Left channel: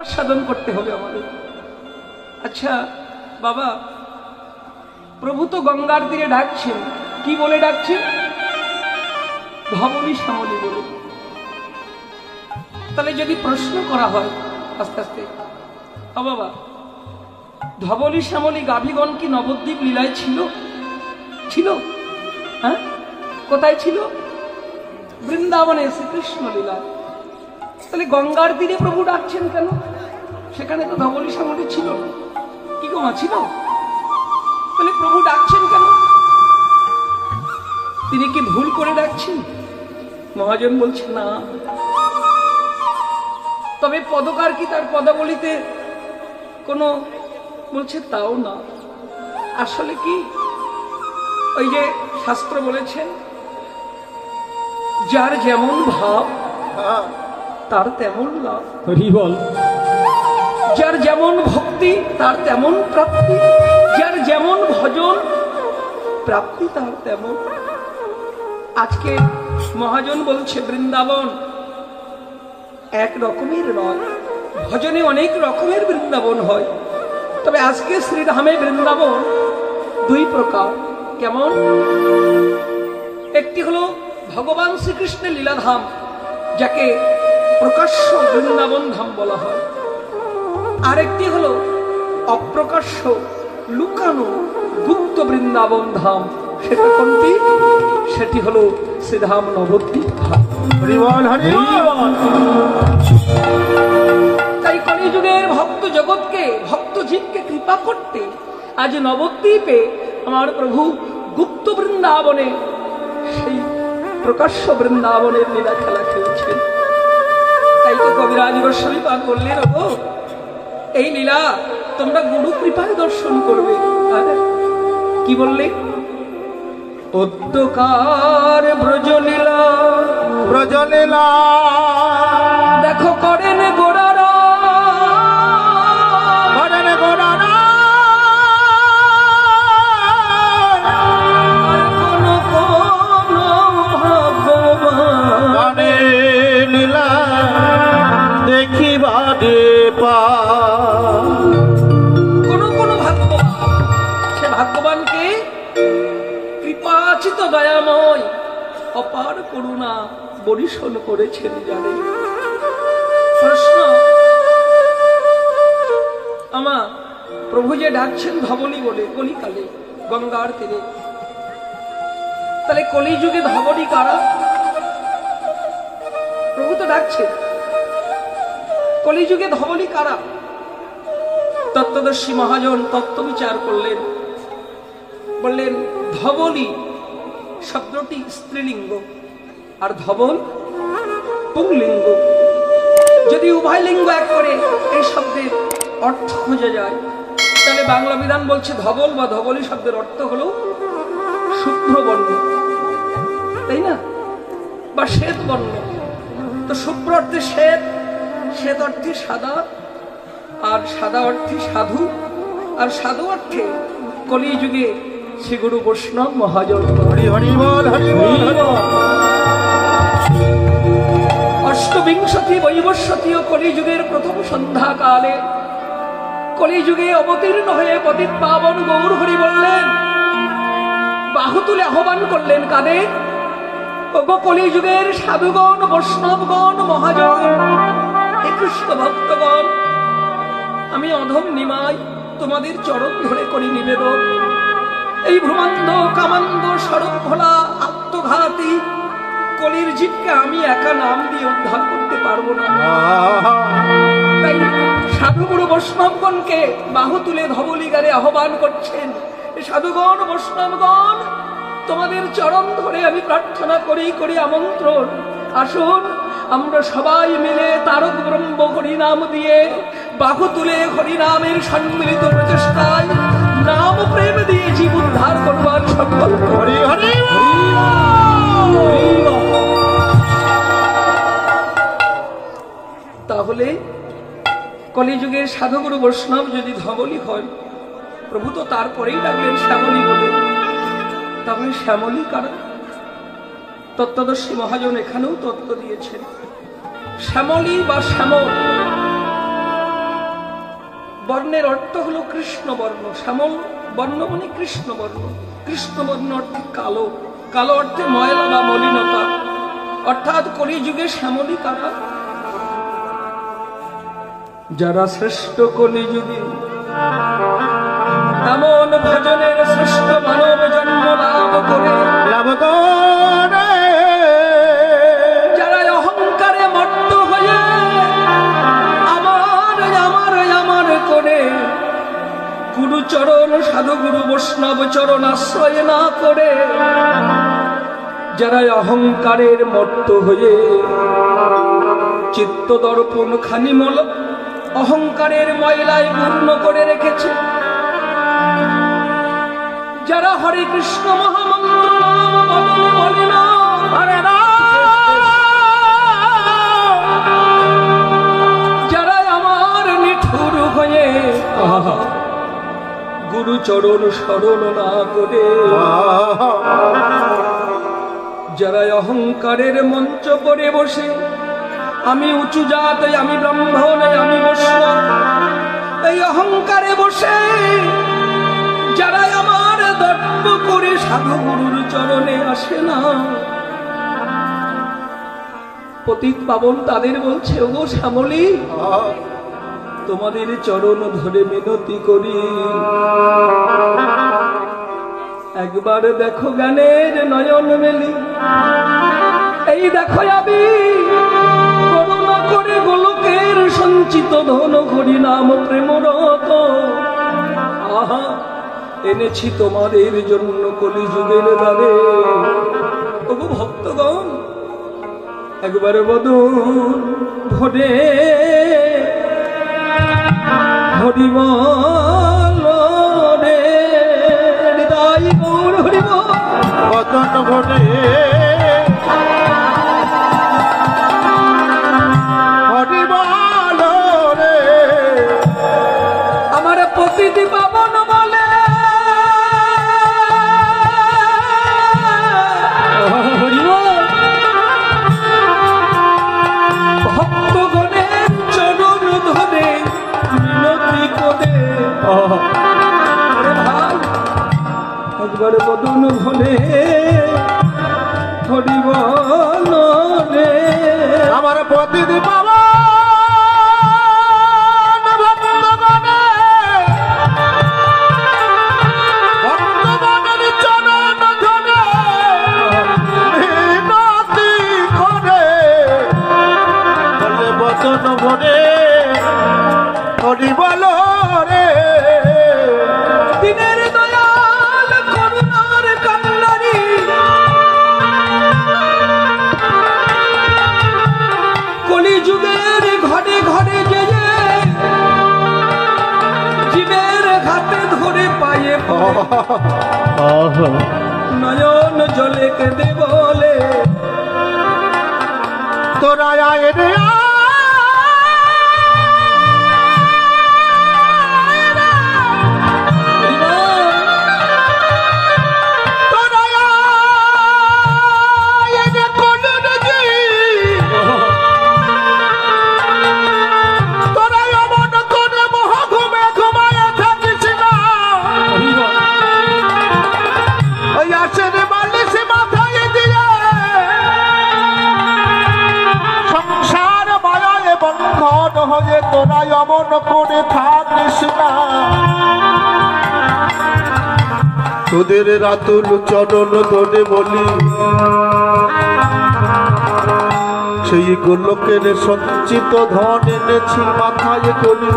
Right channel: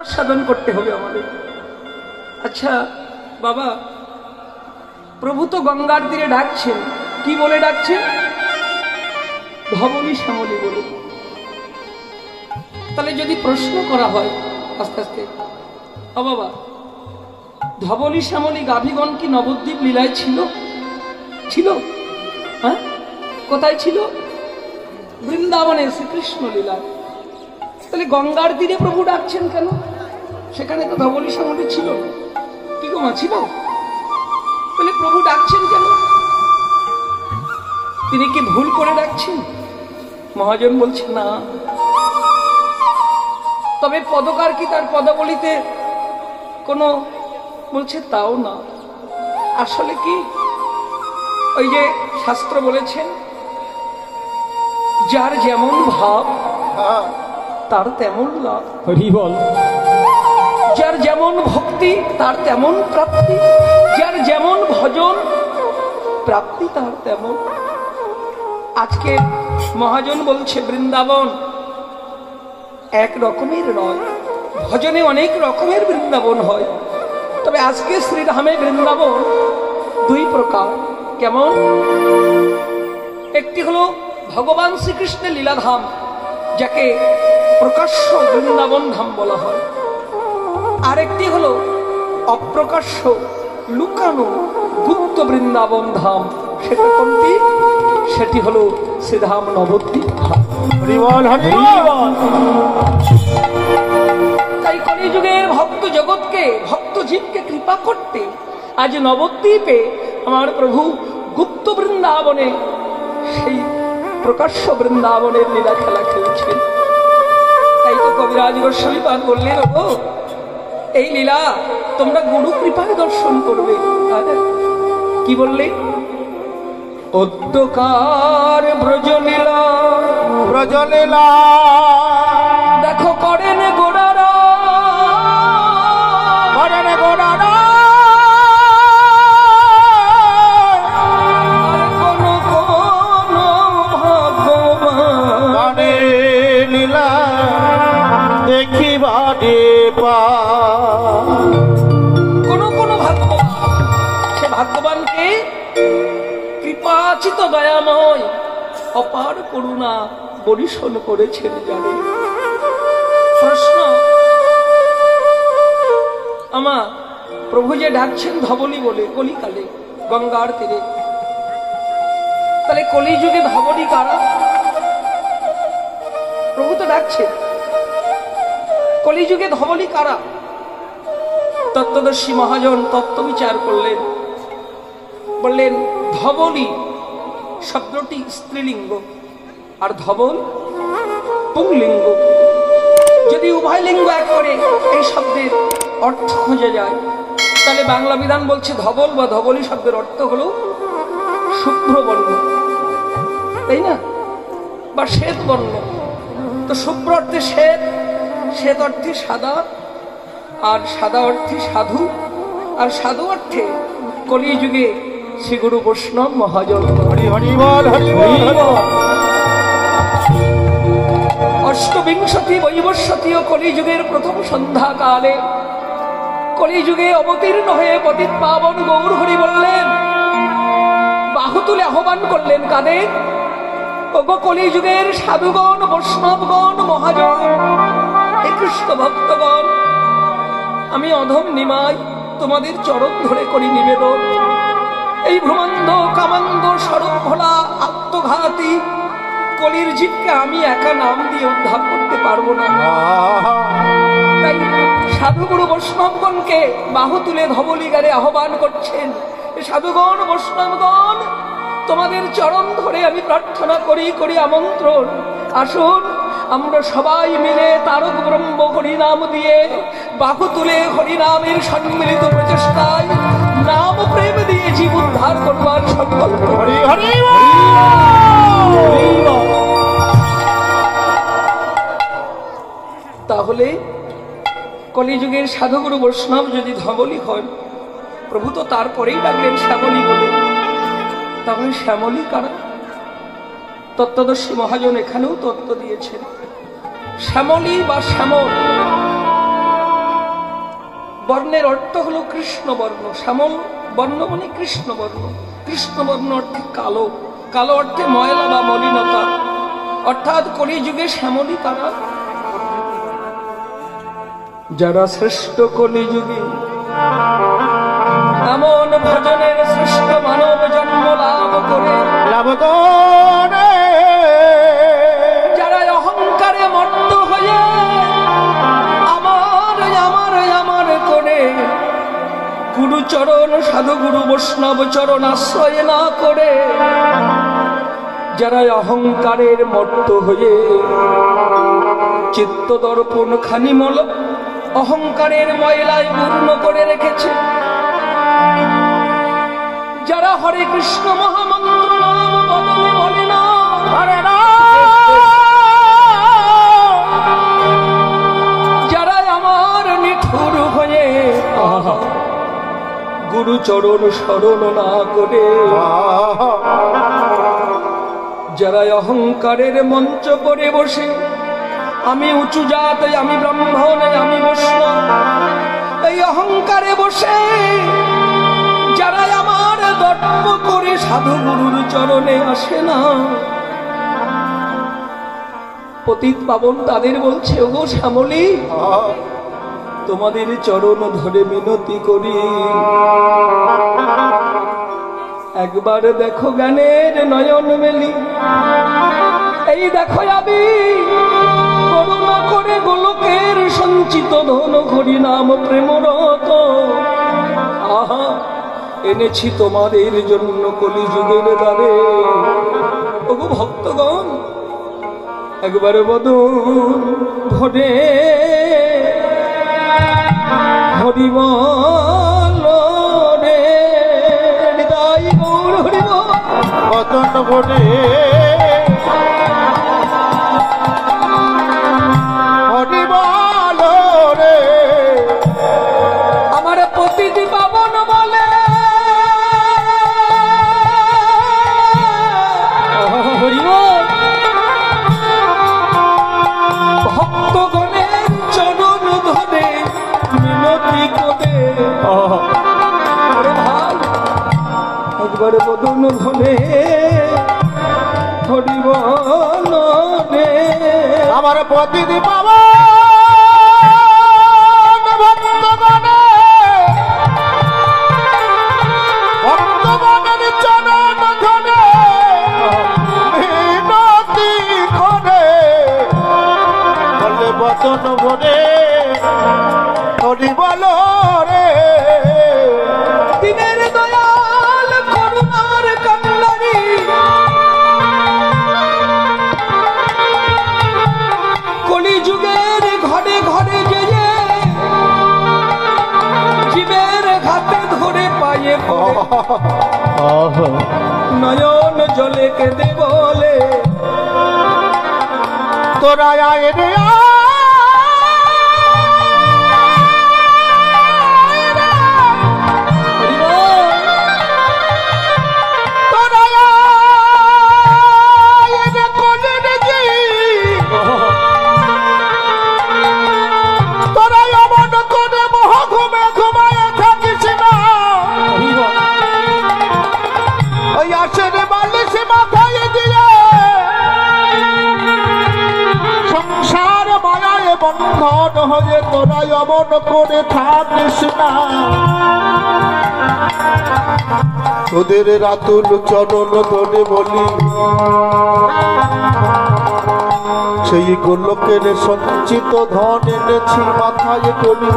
সাধন করতে হবে আমাদের। আচ্ছা বাবা, প্রভু তো গঙ্গার তীরে ডাকছেন, কি বলে ডাকছেন? ধবলী শ্যামলী বলে। তাহলে যদি প্রশ্ন করা হয় আস্তে আস্তে, বাবা ধবলী শ্যামলী গাভীগণ কি নবদ্বীপ লীলায় ছিল? ছিল? হ্যাঁ, কোথায় ছিল? বৃন্দাবনে শ্রীকৃষ্ণ লীলায়। তাহলে গঙ্গার তীরে প্রভু ডাকছেন কেন? সেখানে তো ধবলী শ্যামলী ছিল না। কি গো মা, ছিল? তাহলে প্রভু ডাকছেন কেন? তিনি কি ভুল করে ডাকছেন? মহাজন বলছে না। তবে পদকার কি তার পদাবলিতে কোনো বলছে তাও না। আসলে কি ওই যে শাস্ত্র বলেছেন, যার যেমন ভাব তার তেমন লাভ। হরি বল। যার যেমন ভক্তি তার তেমন প্রাপ্তি, যার যেমন ভজন প্রাপ্তি তার তেমন। আজকে মহাজন বলছে বৃন্দাবন এক রকমের নয়, ভজনে অনেক রকমের বৃন্দাবন হয়। তবে আজকে শ্রীরামে বৃন্দাবন দুই প্রকার। কেমন? একটি হলো ভগবান শ্রীকৃষ্ণের লীলাধাম, যাকে প্রকাশ্য বৃন্দাবন ধাম বলা হয়। আরেকটি হলো অপ্রকাশ্য লুকানো গুপ্ত বৃন্দাবন ধাম। সেটা কোনটি? সেটি হলো শ্রীধাম নবদ্বীপ ধাম। তাই কলিযুগের ভক্ত জগৎকে, ভক্ত জীবকে কৃপা করতে আজ নবদ্বীপে আমার প্রভু গুপ্ত বৃন্দাবনে, সেই প্রকাশ্য বৃন্দাবনের লীলা খেলা খেলছেন। তাই তো কবিরাজ গোস্বামী পাদ বললেন, ও এই লীলা তোমরা গুরু কৃপায় দর্শন করবে। কি বললে? অদ্যকার ব্রজলীলা, ব্রজলীলা দেখো করেন গোড়ারা, করেন গোড়ারা। আর কোন কোন ভগবানের লীলা দেখিবারে পা। কোন কোন ভাগ্যবান, সে ভাগ্যবানকে কৃপাচিত দয়াময় অপার করুণা বরিশন করেছেন জানে। প্রশ্ন, আমা প্রভু যে ডাকছেন ধবলী বলে কলিকালে গঙ্গার তীরে, তাহলে কলিযুগে ধবলী কারা? প্রভু তো ডাকছেন, কলিযুগে ধবলী কারা? তত্ত্বদর্শী মহাজন তত্ত্ব বিচার করলেন, বললেন ধবলী শব্দটি স্ত্রীলিঙ্গ আর ধবল পুংলিঙ্গ। যদি উভয় লিঙ্গ এক করে এই শব্দের অর্থ খুঁজে যায়, তাহলে বাংলা বিধান বলছে ধবল বা ধবলী শব্দের অর্থ হলো শুভ্র বর্ণ, তাই না? বা শ্বেত বর্ণ। তো শুভ্র অর্থে শ্বেত, শ্বেত অর্থে সাদা, আর সাদা অর্থে সাধু, আর সাধু অর্থে কলিযুগে শ্রী গুরু বৈষ্ণব মহাজন। অষ্টবিংশতি বৈবস্বতীয় কলিযুগের প্রথম সন্ধ্যা কালে কলিযুগে অবতীর্ণ হয়ে পতিত পাবন গৌর হরি বললেন, বাহু তুলে আহ্বান করলেন কাদের? ওগো কলিযুগের সাধুগণ, বৈষ্ণবগণ, মহাজন, হে কৃষ্ণ ভক্তগণ, আমি অধম নিমাই তোমাদের চরণ ধরে করি নিবেদন। এই ভ্রমান্দ কামান্দ সড়ক ভোলা আত্মঘাতী কলির জীবকে আমি একা নাম দিয়ে উদ্ধার করতে পারবো না। তাই সাধুগুরু বৈষ্ণবগণকে বাহু তুলে ধবলী গানে আহ্বান করছেন, সাধুগণ বৈষ্ণবগণ, তোমাদের চরণ ধরে আমি প্রার্থনা করি আমন্ত্রণ, আসুন আমরা সবাই মিলে তারক ব্রহ্ম হরিনাম দিয়ে বাহু তুলে হরিনামের সম্মিলিত প্রচেষ্টায় নাম প্রেম দিয়ে জীব উদ্ধার করবার সংকল্প করি। তাহলে কলিযুগের সাধুগুরু বৈষ্ণব যদি ধবলী হন, প্রভু তো তারপরেই ডাকলেন শ্যামলী বলে। তাহলে শ্যামলী কারা? তত্ত্বদর্শী মহাজন এখানেও তত্ত্ব দিয়েছেন। শ্যামলী বা শ্যামল বর্ণের অর্থ হলো কৃষ্ণ বর্ণ। শ্যামল বর্ণ মানে কৃষ্ণ বর্ণ। কৃষ্ণ বর্ণ অর্থে কালো, কালো অর্থে ময়লা বা মলিনতা। অর্থাৎ কলিযুগে শ্যামলী কারা? যারা শ্রেষ্ঠ কলিযুগে এমন ভজনের শ্রেষ্ঠ মানব জন্ম লাভ করে যারা অহংকারে মত্ত হয়ে আমার আমার আমার করে গুরুচরণ সাধু গুরু বৈষ্ণব চরণ আশ্রয় না করে, যারা অহংকারের মত্ত হয়ে চিত্ত দর্পণ খানি অহংকারের ময়লায় পূর্ণ করে রেখেছে, যারা হরে কৃষ্ণ মহামন্ত্র নাম বদলে বলে না হরে না, যারা আমার নিঠুর হয়ে গুরুচরণ স্মরণ না করে, যারা অহংকারের মঞ্চ করে বসে আমি উঁচু জাত, আমি ব্রাহ্মণ, আমি বৈষ্ণব, এই অহংকারে বসে যারা আমার দর্প করে সাধু গুরুর চরণে আসে না, পতিত পাবন তাদের বলছে, ওগো শ্যামলী, তোমাদের চরণ ধরে মিনতি করি, একবার দেখো জ্ঞানের নয়ন মেলি, এই দেখো আমি করুণা করে গোলকের সঞ্চিত ধন হরি নাম প্রেমরত আহা এনেছি তোমাদের জন্য কলিযুগের দ্বারে। ওগো ভক্তগণ, একবারে বদন ভরে হরিবল রে হৃদয় গৌর হরিব বদন ভরে হরিবল রে আমার পতিতি পাবন বলে ভক্তগণের চরণ ধরে মিনতি করে একবারে বদন ভরে হরিবল রে আমার পতিতি পাবন বদন ভরে হরিবল রে দিনের দয়াল করুণার কান্নারি কলিযুগের ঘরে ঘরে যে জীবের হাতে ধরে পায়ে নয়ন জলে কেঁদে বলে, তোরা আয় রে বন্ধন হয়ে তোরা অমন করে থাকিস না, তোদের রাতুল চরণ ধরে বলি, সেই গোলকের সঞ্চিত ধন এনেছি মাথায় করি,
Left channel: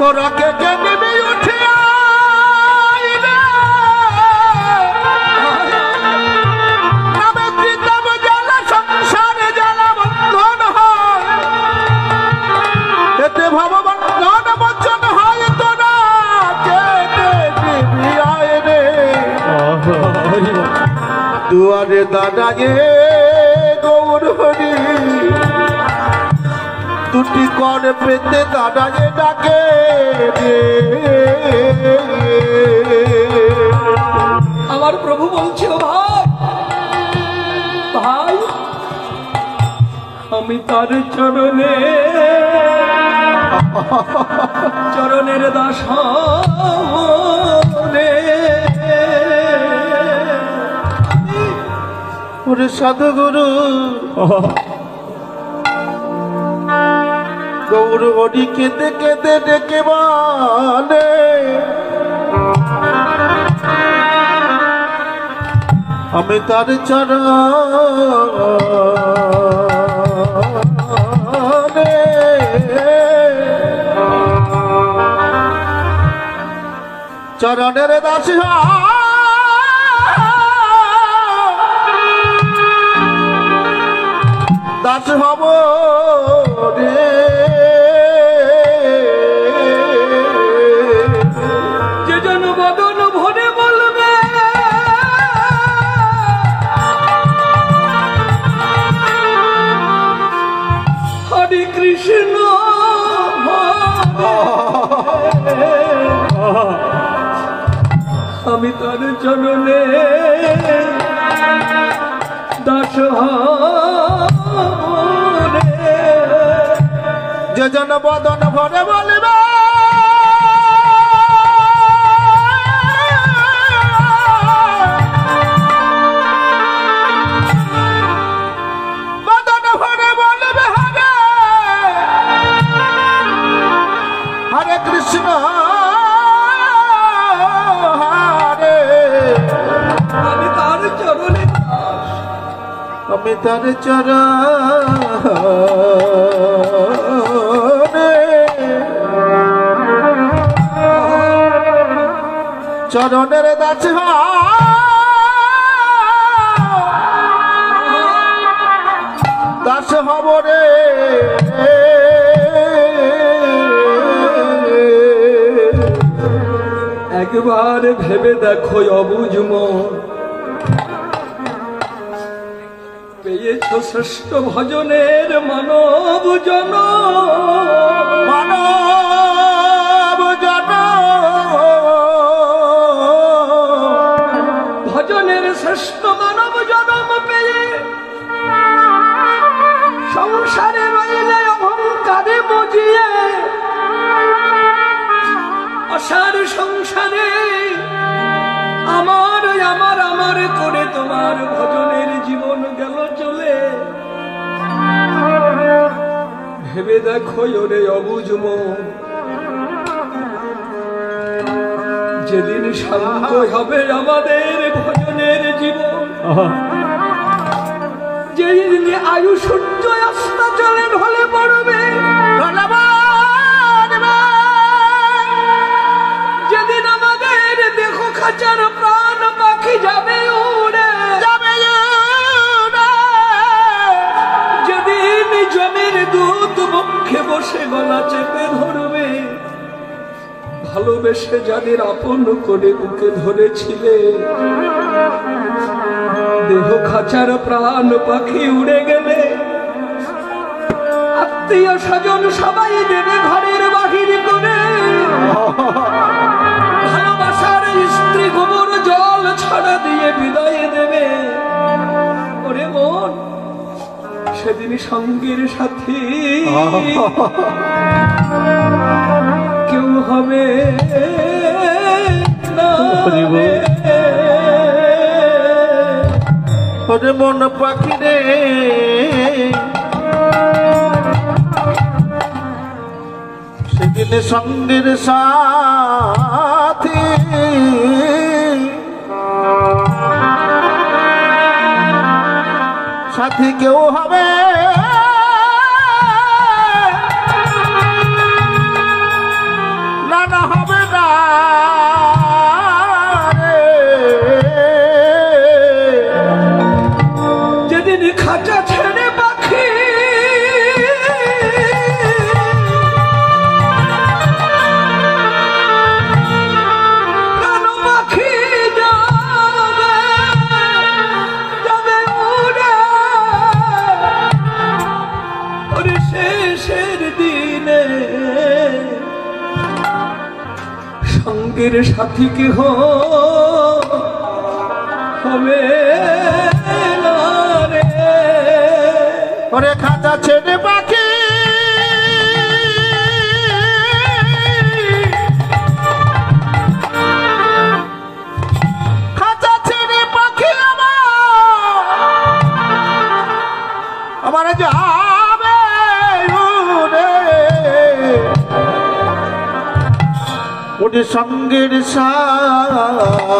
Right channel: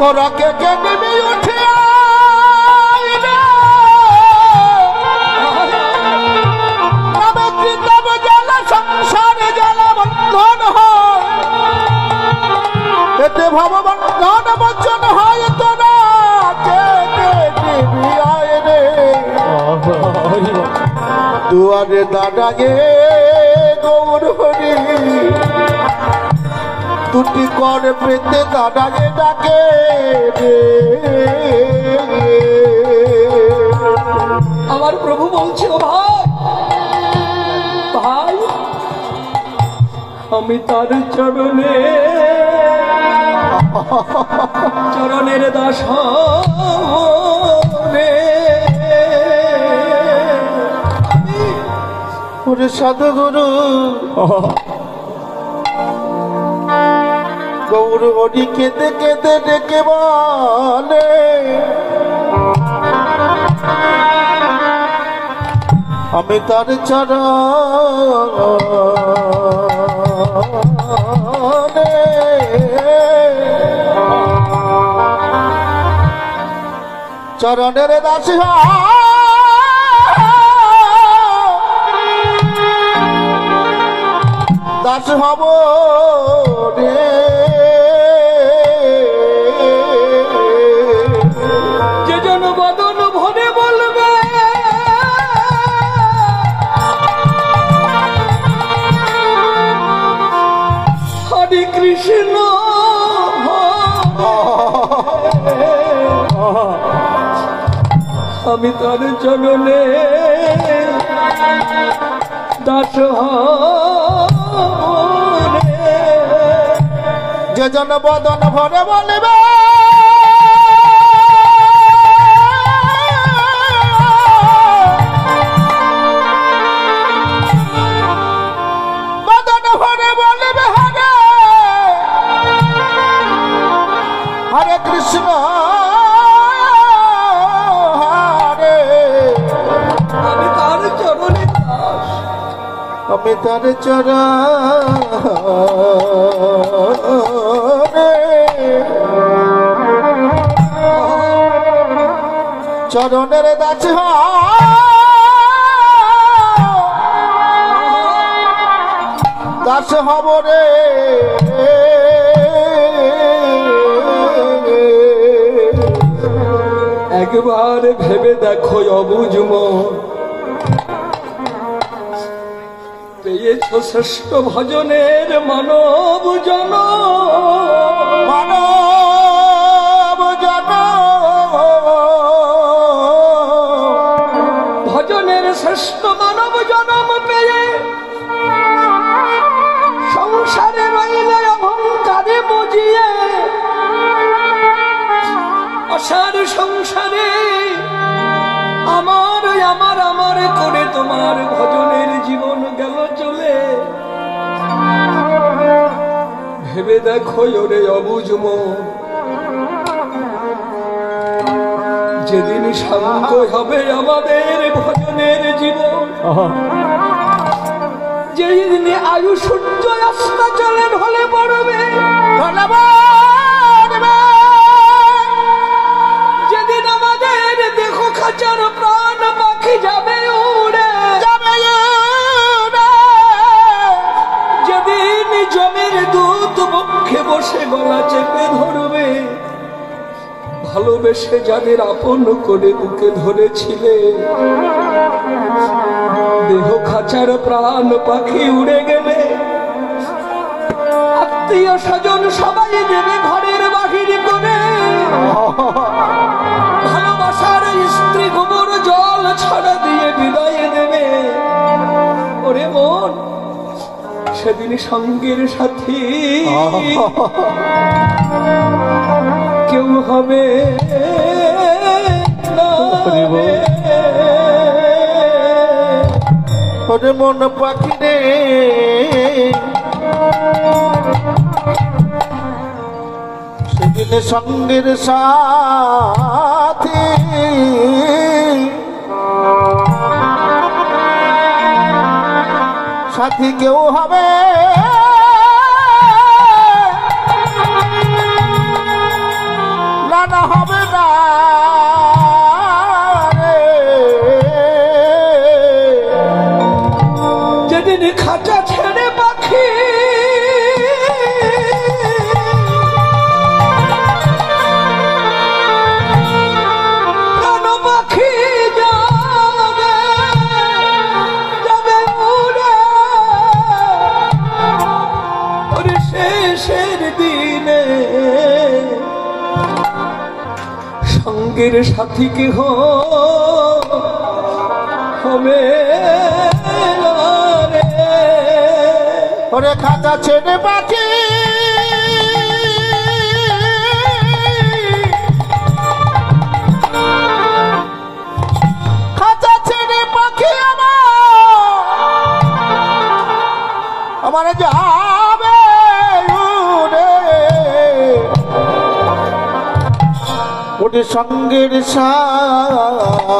তোরা কে কে নিবি উঠে ভগবান ধন বচন হয় তোরা রে দুয়ারে দাঁড়ায়ে গৌর হরি, দুটি কর পেতে দাঁড়ায়ে ডাকে রে। আমার প্রভু বলছিল, ভাই ভাই আমি তার চরণে চরণের দাস রে ওরে সাধুগুরু গৌর হরি কেঁদে কেঁদে ডেকে বলে আমি তার চরণে চরণের দাস দাস হব রে যে জন বদন ভরে বলবে হরে কৃষ্ণ আমি তার চরণে দাস রে যে জন বদন ভরে বলবে বদন ভরে বলবে হরে হরে কৃষ্ণ হরে আমি তার চরণে দাস আমি তার চরণে চরণের দাস দাস হব রে একবার ভেবে দেখো অবুঝ মন পেয়েছ শ্রেষ্ঠ ভজনের মানব জন মানব জন ভজনের শ্রেষ্ঠ মানব জনম পেয়ে সংসারে রইলে অহংকারে বুঝিয়ে অসার সংসারে আমার আমার আমার করে তোমার ভজনের জীবন গেল চলে ভেবে দেখো ওরে অবুঝ মন যেদিন শান্ত হবে আমাদের ভজনের জীবন যেদিন আয়ু সূর্য অস্ত চলে ঢলে পড়বে যেদিন আমাদের দেহ খাঁচার প্রাণ পাখি যাবে উড়ে যেদিন জমির দুধ বক্ষে বসে গলা চেপে ধরবে ভালোবেসে যাদের আপন করে বুকে ধরেছিলে দেহ খাঁচার প্রাণ পাখি উড়ে গেলে আত্মীয় স্বজন সবাই দেবে ঘরের বাহির করে ভালোবাসার স্ত্রী গোবর জল ছড়া দিয়ে বিদায় দেবে ওরে মন সেদিন সঙ্গের সাথী কেউ হবে না রে। ওরে মন পাখি রে সেদিন সঙ্গের সাথী সাথী কেউ হবে না না হবে না রে। যেদিন খাঁচা ছেড়ে পাখি প্রাণ পাখি যাবে যাবে উড়ে ওর শেষের দিনে সঙ্গের সাথী কেহ হবে না রে। ওরে খাঁচা ছেড়ে পাখি আমার যাবে উড়ে ওরে সঙ্গের সাথ